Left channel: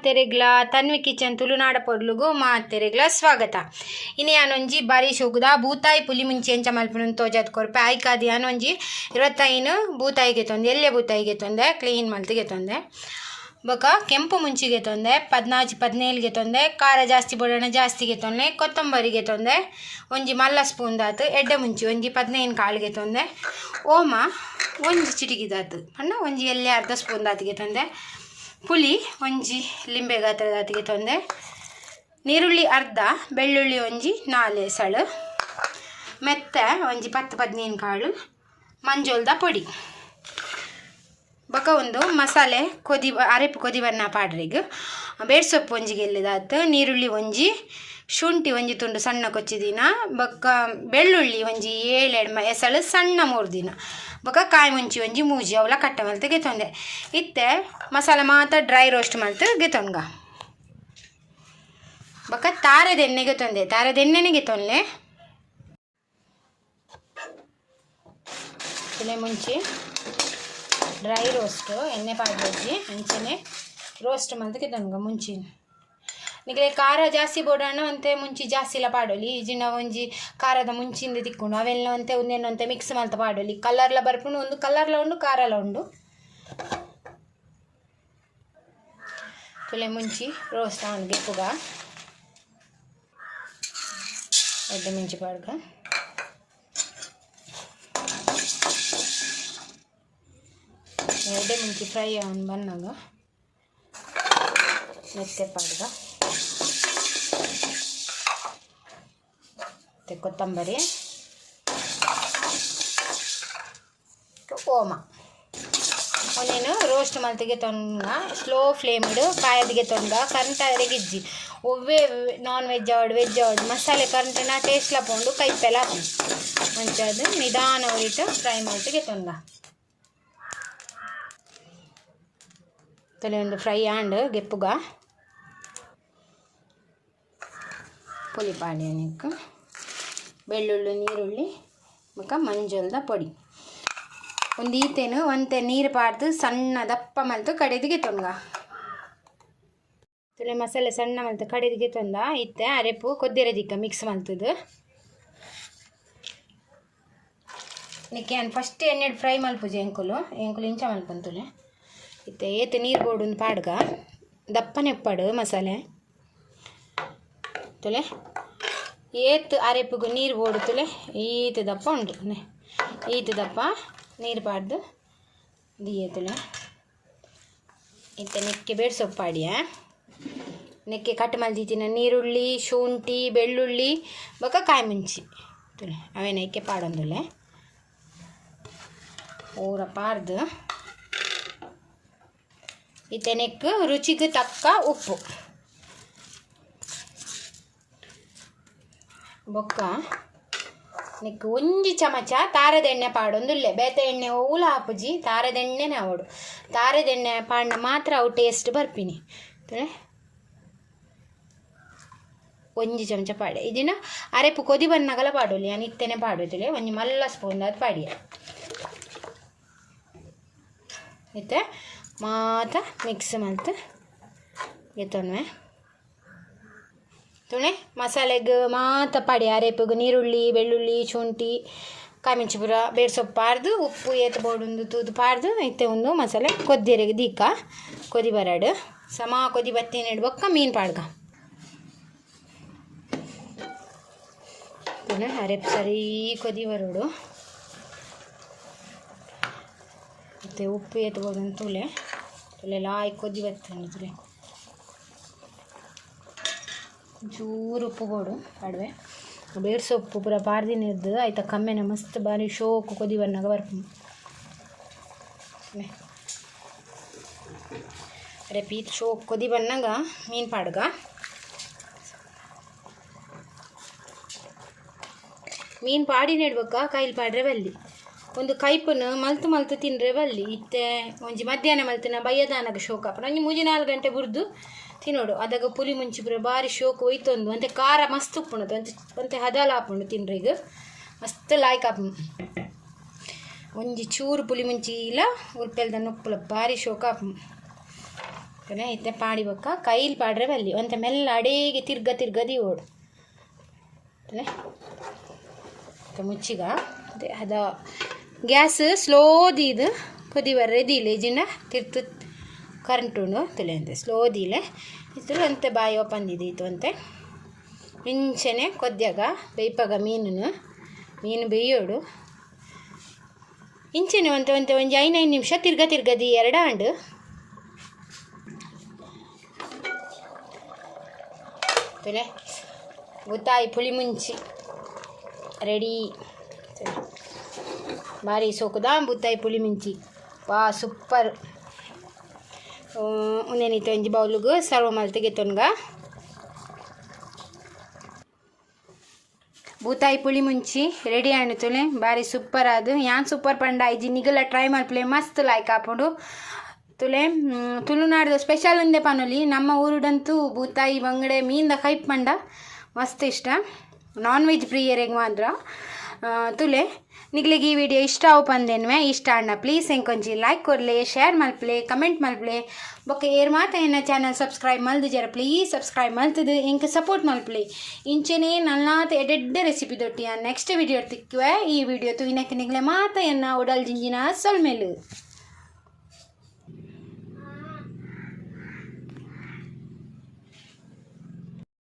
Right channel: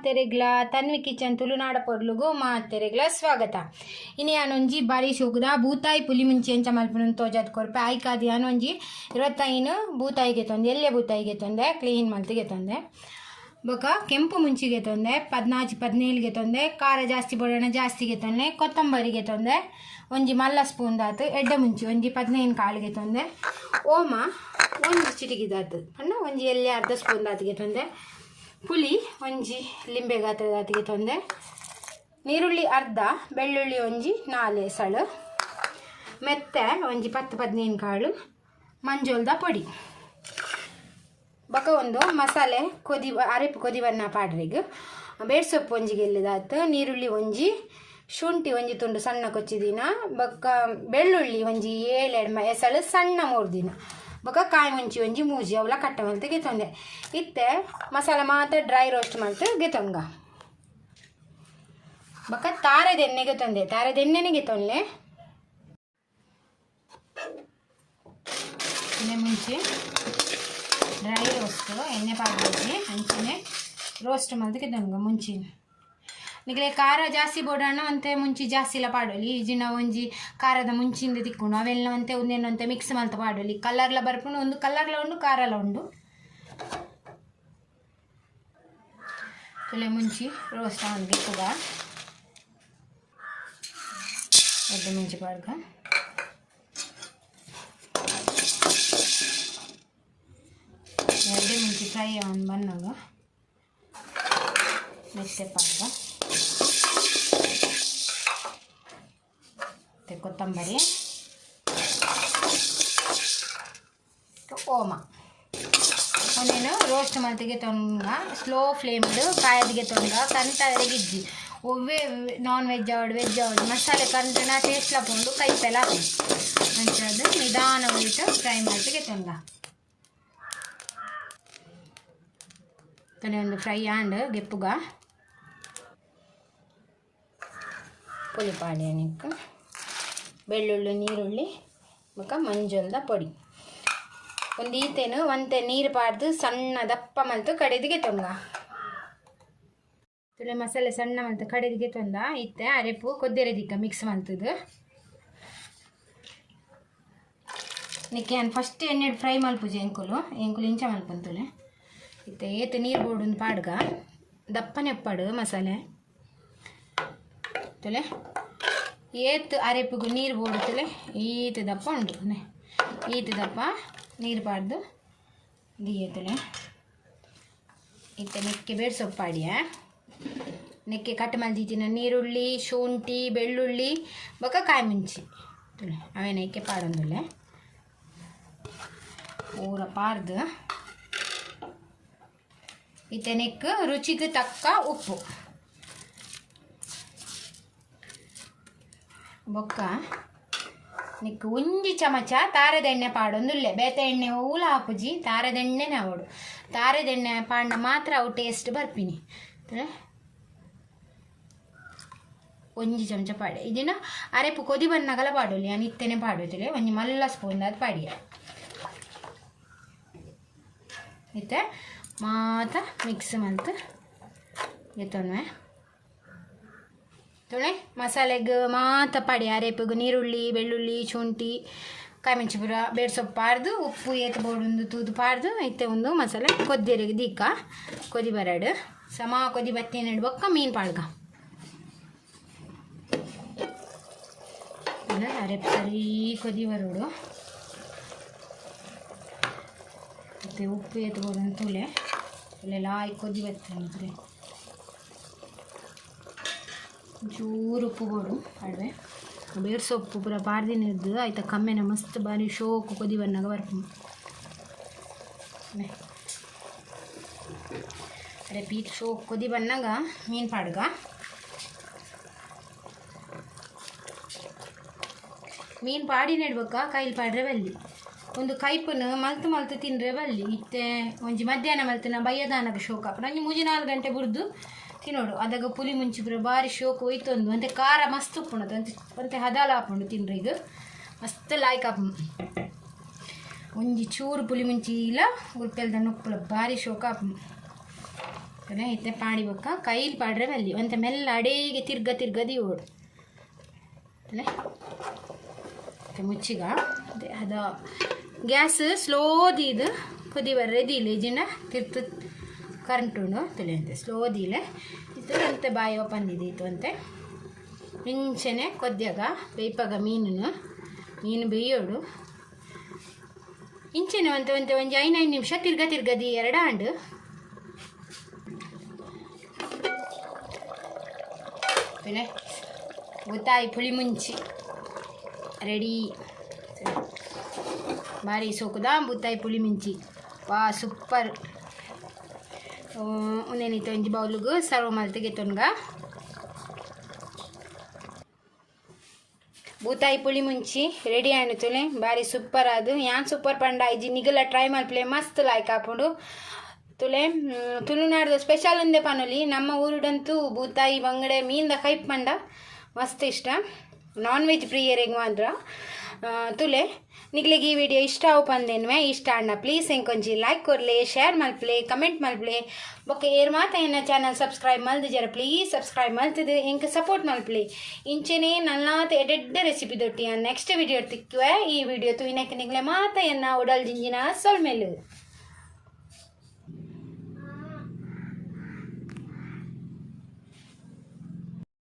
ಅತ್ತೆರೆಗ್ಲ Tanvi kitchen ತುಳುನಾಡ ಪೊರ್ಲುಗು ಮಾ ಅತ್ತೆರೆಗ್ಲ ಸ್ವಾಗತ. ಇನ್ನು ಯಾನೊಂಜಿ ಬಾರಿ ಶೋಕುದ ಬೂತಾಯಿ ಪುಲಿ ಮುಂಚಿ ಎಂಚ ಮಲ್ಪುನ ತೋಜಾದ್ ಕೊರ್ಪೆ ಆಯ್ಕಾದ ಯಾನೊಂಜಿ 25 ಬೂತಾಯಿಗೆ ತೊಂದೆ ಎಲ್ಲೆ ಬೂತಾಯಿಗೆ ತೊಂದೆ ಕ್ಲೀನ್ ಮಲ್ತಿಗೆ ತೊಂದೆ ಬೊಕ ಕೆಂಪು ಮುಂಚಿಗೆ ತೊಂದೆ 14-17ಗೆ ತೊಂದೆ ಖಾರ ಜಾಸ್ತಿ ಬೊಡಣ ಜಾಸ್ತಿಗೆ ತೊಂದೆ ಕೊತ್ತಂಬರಿಗೆ ತೊಂದೆ ಒಂಜಿ ಮಲ್ಲ ಸ್ಪೂನ್ ದಾತು ಎಡ್ಡೆ ಮುಂಚಿ ಒಂಜಿ 15 ಕಾಳಿಗೆ ತೊಂದೆ ಓಮ ಒಂಜಿ ಚಿಟಿಕಿದಾತು ಪಂಡ ಒಂಜಿ ಎಲ್ಲೆ ಅರ್ಧ ಸ್ಪೂನ್ ದಾತಿಗೆ ತೊಂದೆ ಪುಲಿ ಒಂಜಿ ಲಿಂಬೆ ಗಾತ್ರ ದಾತಿಗೆ ತೊಂದೆ ನೀರುಳ್ಳಿ ಅರ್ಧ ಬೆಳ್ಳುಳ್ಳಿ ಒಂಜಿ 4 ಎಸಳು ಮೆತ್ತೆ ಒಂಜಿ 10-15 ಕಾಳು ಮಂಜೋಲ್ದ ಪೊಡಿ ಬೊಕ ಒಂದು ಮಸಾಲೆ ಅರೆಪು ಕೊದಿ ಬನ್ನ ಪಾಡ್ರಿಗೆ ಬೇಡ್ ಸೊಪ್ಪು ಒಂಜಿಗೆ ಎಲ್ಲಿದಾತು ನೀರುಳ್ಳಿ ಒಂಜಿ ಶುಂಠಿ ಒಂಜಿ ತುಂಡು ಸಣ್ಣ ಕೊಚ್ಚಿದಿನ ಬೊಕ್ಕ ಬೆಳ್ಳುಳ್ಳಿ ಒಂಜಿ 7 ಎಸಳು ಸಣ್ಣ 3 ದಿನ ಬೊಕ ಕಾಯಿ ಮುಂಚಿ ಒಂಜಿ ಮೂಜಿ ಅವಲ ಕಟ್ಟ ಮಲ್ತು ಗೆತೊಂದೆ ಇತ್ತೆ ಮಸಾಲೆ ಮಾತ್ರ ಡ್ರೈ ರೋಸ್ಟ್ ಮಲ್ತು ಗೆತೊಂಗ ಬೊಕ ತಾರೆದ ಎಣ್ಣೆಗೆ ತೊಂದೆ ತಾರೆದ ಎಣ್ಣೆನೆ ಗೆತೊನ್ಲೆ ಇಲೆ ಮುಂಚಿ ಡ್ರೈ ರೋಸ್ಟ್ ಎಣ್ಣೆ ಪಾಡ್ಬೇಕಿ ಅಂಚನೆ ರೋಸ್ಟ್ ಮಲ್ತು ಗೆತೊಂಗ ಮುಂಚಿ ನಿಗಲೆ ಖಾರ ಜಾಸ್ತಿ ಬೋಡಾಣ ಅಂತೆ ಮುಂಚಿ ಜಾಸ್ತಿ ಇಲ್ಲ ಪಾಡೋಲಿ ಈಜಿನ ಒಂಜಿ ಖಾರದ ಮುಂಚಿಂದ ತಿಕ್ಕೊಂಡು ಅವೆಲ್ಲ ಅಂತೆ ಒಂದೇನಂತೆ ಮಿಕ್ಸ್ ಮಲ್ತ ಪಾಡೋಲಿ ಕಲರ್ಲ ಬರ್ಪುಂಡು ಒಂದು ಕಲರ್ಲ ಉಂಡು ಖಾರಲ ಉಂಡು ತುಲೆ ಮುಂಚಿ ರೋಸ್ಟ್ ಅವನಿಗೆ ಪುಗ ಎಡ್ಡೆ ಮುಂಚಿ ಪಾಡ್ಕ ಎಡ್ಡೆ ಮುಂಚಿ ಫ್ರೈ ಅವನು ಬನ್ನಾಗ ಮೆತ್ತೆ ಪಾಡ್ಗ ಕೊತ್ತಂಬರಿ ಓಮ ಅವನೇನು ರೋಸ್ಟ್ ಮಲ್ತಿಗೆ ತೊಂಗ ಸ್ಲೋ ಫ್ಲೇಮ್ಡು ಕಾಯದಿಗೆ ತೊಂದ ಕರೆಂಟ್ ಗಿಜ್ಜಿ ಒವ್ವೇ ನಾನ್ ವೆಜ್ ವೆಜ್ ಮಸಾಲೆ ಕರೆಂಟಿನ ಟೇಸ್ಟ್ಲ ಪೋಂಡು ಕೈಪೆಲ್ಲ ಮಂಚದು ನಿಧಾನ ಉಳಿಟ್ಟು ಫ್ರೈ ಮಲ್ತಿಗೆ ತೊಂದ ತಲೆ ಒಂದು ಫ್ರೈ ಆಂಡ್ ಗೆಪ್ಪುಗ ಪುಲಿಪಾಡಿ ನಿಕ್ಕು ಬೆಳ್ಳುಳ್ಳಿ ನೀರುಳ್ಳಿ ಬೊಕ ಮಂಜೋಲ್ದ ಪೊಡಿ ಒಂದು ಈತೇನು ಒಂತೆ ನೀರು ಪಾಡ್ದು ಸಣ್ಣ ದಪ್ಪ ಮಲ್ತು ಕಡೆದಿಗೆ ತೊಂಗ ತುಲೆ ಮಸಾಲೆ ಸಣ್ಣ ಮಲ್ತು ಕಡೆದಿಗೆ ತೊಂದ ಇತ್ತೆ ಅರೆಪು ಕೊದ್ದೆರೆ ಮಿಕ್ಸ್ ಮಲ್ತದು ನಿಕ್ಕೆ ನಾನು ಫಸ್ಟ್ ಎಣ್ಣೆ ಫ್ರೈ ಮಲ್ಪುಜಿ ಎಂಕುಲು ಇಂಚ ಮಲ್ಪಂತುಲೆ ಇತ್ತೆ ಏತು ನೀರು ಬೋಡು ಪಾಡ್ಗ ದಪ್ಪನೆ ಉಪ್ಪಾಡು ಮಸಾಲೆ ತುಲೆ ಏತ್ ಅರೆಪುಗು ನೀರು ಬೋಡುತ್ತಲೆ ಈತ ದಪ್ಪ ಉಂಟು ಈತ ದಪ್ಪ ನೀರು ಪಾಡ್ದು ದಿಯೇತಲೆ ಇತ್ತೆ ನೆಕ್ಕೆ ಬೇಡ ಸೊಪ್ಪಾಡಿಯ ನೆಕ್ಕೆ ಕಟ್ ಮಲ್ದಿತ್ತಿನ ನೀರುಳ್ಳಿ ಶುಂಠಿ ಬೆಳ್ಳುಳ್ಳಿ ಬೊಕ ಕಾಯಿ ಮುಂಚಿ ತುಲೆ ಅವೇ ನೆಕ್ಕೆ ಪಾಡೊಂದುಲ್ಲೆ ಊರ ಪಾಡ್ದು ಇತ್ತೆ ನೆಕ್ಕು ರುಚಿಗೆ ತಕ್ಕ ಉಪ್ಪು ಬೊಕ್ಕ ನಿಕ್ಕು ಒಂಜಿ ಚಮಚ ತಾರದ ಎಣ್ಣೆ ಪಾಡೊಂದುಲ್ಲೆ ಬೇತೆ ಎಣ್ಣೆ ಓಲ ಹಾಪುಜಿ ತಾರದ ಎಣ್ಣೆನೇ ಅವಡು ತಾರದ ಎಣ್ಣೆ ಪಾಂಡ ಮಾತ್ರ ಅವು ಟೇಸ್ಟ್ ಬರ್ಪಿನಿ ಒಂಜಿ ಚಮಚ ಪಾಡೆ ಇದನ್ನ ಅರೆಪು ಕೊದಿ ಬನ್ನಗಲ ಪಾಡೋಲಿ ನಾನು ಇತ್ತೇನೆ ಪಾಡೋದಿಲ್ಲ ಒಂಜಿ ಮಲ್ಲ ಸ್ಪೂನ್ ಅದು ಪಾಡಿಯ ಇತ್ತೆ ಮಾತ ಮಿಕ್ಸ್ ಮಲ್ತು ಎತ್ತೊನ್ವೆ ತುಳೆ ಮಸಾಲೆಗೆ ಮಾತ ಪಾಡಿ ಅರೆಪುಗು ನೀರುಳ್ಳಿ ಬೆಳ್ಳುಳ್ಳಿ ಶುಂಠಿ ಕಾಮಿಂಚಿ ಪುರ ಬೇಡ ಸೊಪ್ಪು ಪಾಡ್ದು ಉಪ್ಪು ಏತು ಬೋಡೊಂದು ತೂದು ಪಾಡ್ದು ಇತ್ತೆ ಒಂದು ಮಸಾಲೆ ಕೊದ್ದೆರೆಗೆ ದೀಕ ಕೊದಿ ಬರಾಡು ಸಮ ಕೊದಿ ಬತ್ತೇನೆ ಬೊಕ್ಕ ಮೀನು ಪಾಡ್ಗ ಅರೆಪು ಸರಿ ಕೊದಿ ಬರೋಡು ಮತ್ತು ಉಪ್ಪು ಏತು ಬೋಡೊಂದು ತುಲೆ ಲಾಯ್ ಕೊದಿ ಬತ್ತೇನೆ ತುಲೆ ಚೂರು ಉಪ್ಪು ಬೋಡು ಅಡ್ವೆ ಬೇಡ ಸೊಪ್ಪು ಪೂರ ಪಾರ್ದಿನ ಇದ್ದು ಆಯ್ತಾ ಕಮ್ಮೆನ ಮಸ್ತ್ ಬಾರಿ ಶೋಕು ಕೊದಿ ಬನ್ನಾಗ ಬರ್ಪು ಅರೆ ಪೀತ್ ಶೋಕು ಕೊದಿ ಬನ್ನಾಗ ಮೀನು ಪಾಡ್ಗ ಮೀನು ಪಾಡಿ ನೆಡ್ಬೇಕ ಕೈಲಿ ಪಾಡ್ರೆ ಬಲ್ಲಿ ಒಂದು ಕೈಪನ್ನು ಮಲ್ತು ತಿನ್ರೆ ಬಲ್ಲಿ ಇತ್ತೆ ಒಂಜಿ ಮಧ್ಯಾಹ್ನ ಮಲ್ತನ ಬಯ್ಯದಾನಗ ಶೋಕ ನಂಜಿ 3-4 ಗಂಟೆ ಬುರ್ದು ತಿನ್ನೋಡು ಅದಾಗ ಪುಲಿ ಮುಂಚಿ ಪುರ ಬಾರಿ ಶೋಕು ಒಯ್ತೊಂದು ಅಂತೆ ಖಾರ ಮಸ್ತ್ ಉಪ್ಪುಣದು ಅಂತೆ ಹದಲ ಹಾಪುಂಡು ತಿನ್ರಿ ಈಗ ಮಸ್ತ್ ಲಾಯ್ಕ್ ಹಾಪು ಒಂಜಿ ಚೂರು ಪುಲಿ ಮುಂಚಿ ಇಲ್ಲ ಉರ್ಪೆಲ್ದ ಉಪ್ಪುಲ ಬಾರಿ ಶೋಕ ಹಾಪು ಇತ್ತೆ ಪಾಡಿ ಬೊಕ್ಕ ಕೈಲಿ ಪಾಡ್ರೆ ಬಲ್ಲಿ ಒಂತೆ ಮೆಲ್ಲ ಅಡೇಗೆ ತಿರ್ಗದಿ ಓಡು ಮುಚ್ಚಿಗ ಅದ ಗ್ಯಾಸ್ ಸ್ಲೋದಿದು ಕುದಿ ಬರ್ರೆದಿಲ್ಲ ಇಜಿನ ತಿರ್ತು ಕರೆಂಟ್ ಉಂಡು ತಿಳಿಯಂತೆ ಸ್ಲೋದಿಲೆ ಇದು ಅಂತೆ ಬಾಯಿ ಒಪ್ಪಂದಿದ್ದು ಅಂತೆ ಮಿಂಚನೆ ಕೊದ್ಯಾಗ ಬೇಯ್ಪಾಗ ಮೀನು ಬೇಯೋಡು ಇಂಚೆನೆ ಒಂತೆ ಒಂಜಿ 5 ನಿಮಿಷ ತಿರ್ಗದಿ ಎರಡಾಂಡು ಬೆಲೆ ಬೂತಾಯಿ ಪುಳಿ ಮುಂಚಿ ರೆಡಿ ಭಾರಿ ಸೋಕುದ ಬೂತಾಯಿ ಪುಳಿ ಮುಂಚಿ ವಾ ಸೂಪರ್ ಉಂದೇನಿತ್ತು ಒಂಜಿ ಬೌಲ್ಗೆ ಸರ್ವ್ ಮಲ್ತಿಗೆ ತೊನ್ಗ ಬೂತಾಯಿ ಪುಳಿ ಮುಂಚಿ ರೆಡಿ ಆಣುತ್ತಲೆ ಭಾರಿ ಸೂಪರ್ ಅದು ಯಾನ್ ಸೂಪರ್ ಪಂಡ ಐಜಿ ನಿಗಲ ಟ್ರೈ ಮಲ್ಪಲೆ ಮಸ್ತ್ ಲಾಯ್ಕ್ ಆಪುಂಡು ತುಲೆ ತುಳುನಾಡ್ದು ಸ್ಪೆಷಲ್ ಒಂದೇ ಪನೊಲಿ ನಮ್ಮ ಊರುಡಂತೂ ಬೂತಾಯಿ ಬಂಗಡೆ ಮೀನ್ದ ಕೈಪ್ ಪಂಡ ಮಸ್ತ್ ಇಷ್ಟ ನಾನ್ ವೆಜ್ ಪ್ರಿಯರಿಗೆ ಮಾತ್ರ ತುಲೆ ನಿಗ್ಲಿಗೆ ಈ ವಿಡಿಯೋ ಇಷ್ಟ ಅವು ಪಂದೇನ್ವೆ ಇಷ್ಟ ಅಣ್ಣ ಪ್ಲೀಸ್ ಎಂಕೊಂಚಿ ಲೈಕ್ ಕೊಡ್ಲೆ ಶೇರ್ ಮಲ್ಪಲೆ ಕಮೆಂಟ್ ಮಲ್ಪಲೆ ಬೊಕ್ಕ ಏರ್ ಮಾತ ಎನ್ನ ಚಾನಲ್ ಸಬ್ಸ್ಕ್ರೈಬ್ ಮಲ್ದು ಜರ ಪ್ಲೀಸ್ ಸಬ್ಸ್ಕ್ರೈಬ್ ಮಲ್ತದು ಇಂಕ ಸಪೋರ್ಟ್ ಮಲ್ಪಲೆ ಇಂಚೆನೇ ನಲ್ಲಾತ ಎಡೆಡ್ಡ ರೆಸಿಪಿ ದೊಟ್ಟಿ ನೆಕ್ಸ್ಟ್ ವಿಡಿಯೋ ತಿಕ್ಕುವೆ ಈ ವಿಡಿಯೋ ತುವಿನಕ್ಕೆ ನಿಗ್ಲೆ ಮಾತ ಎನ್ನ ಒಡಲ್ ಜಿಂಜಿನ ಸೊಲ್ಮೇಲು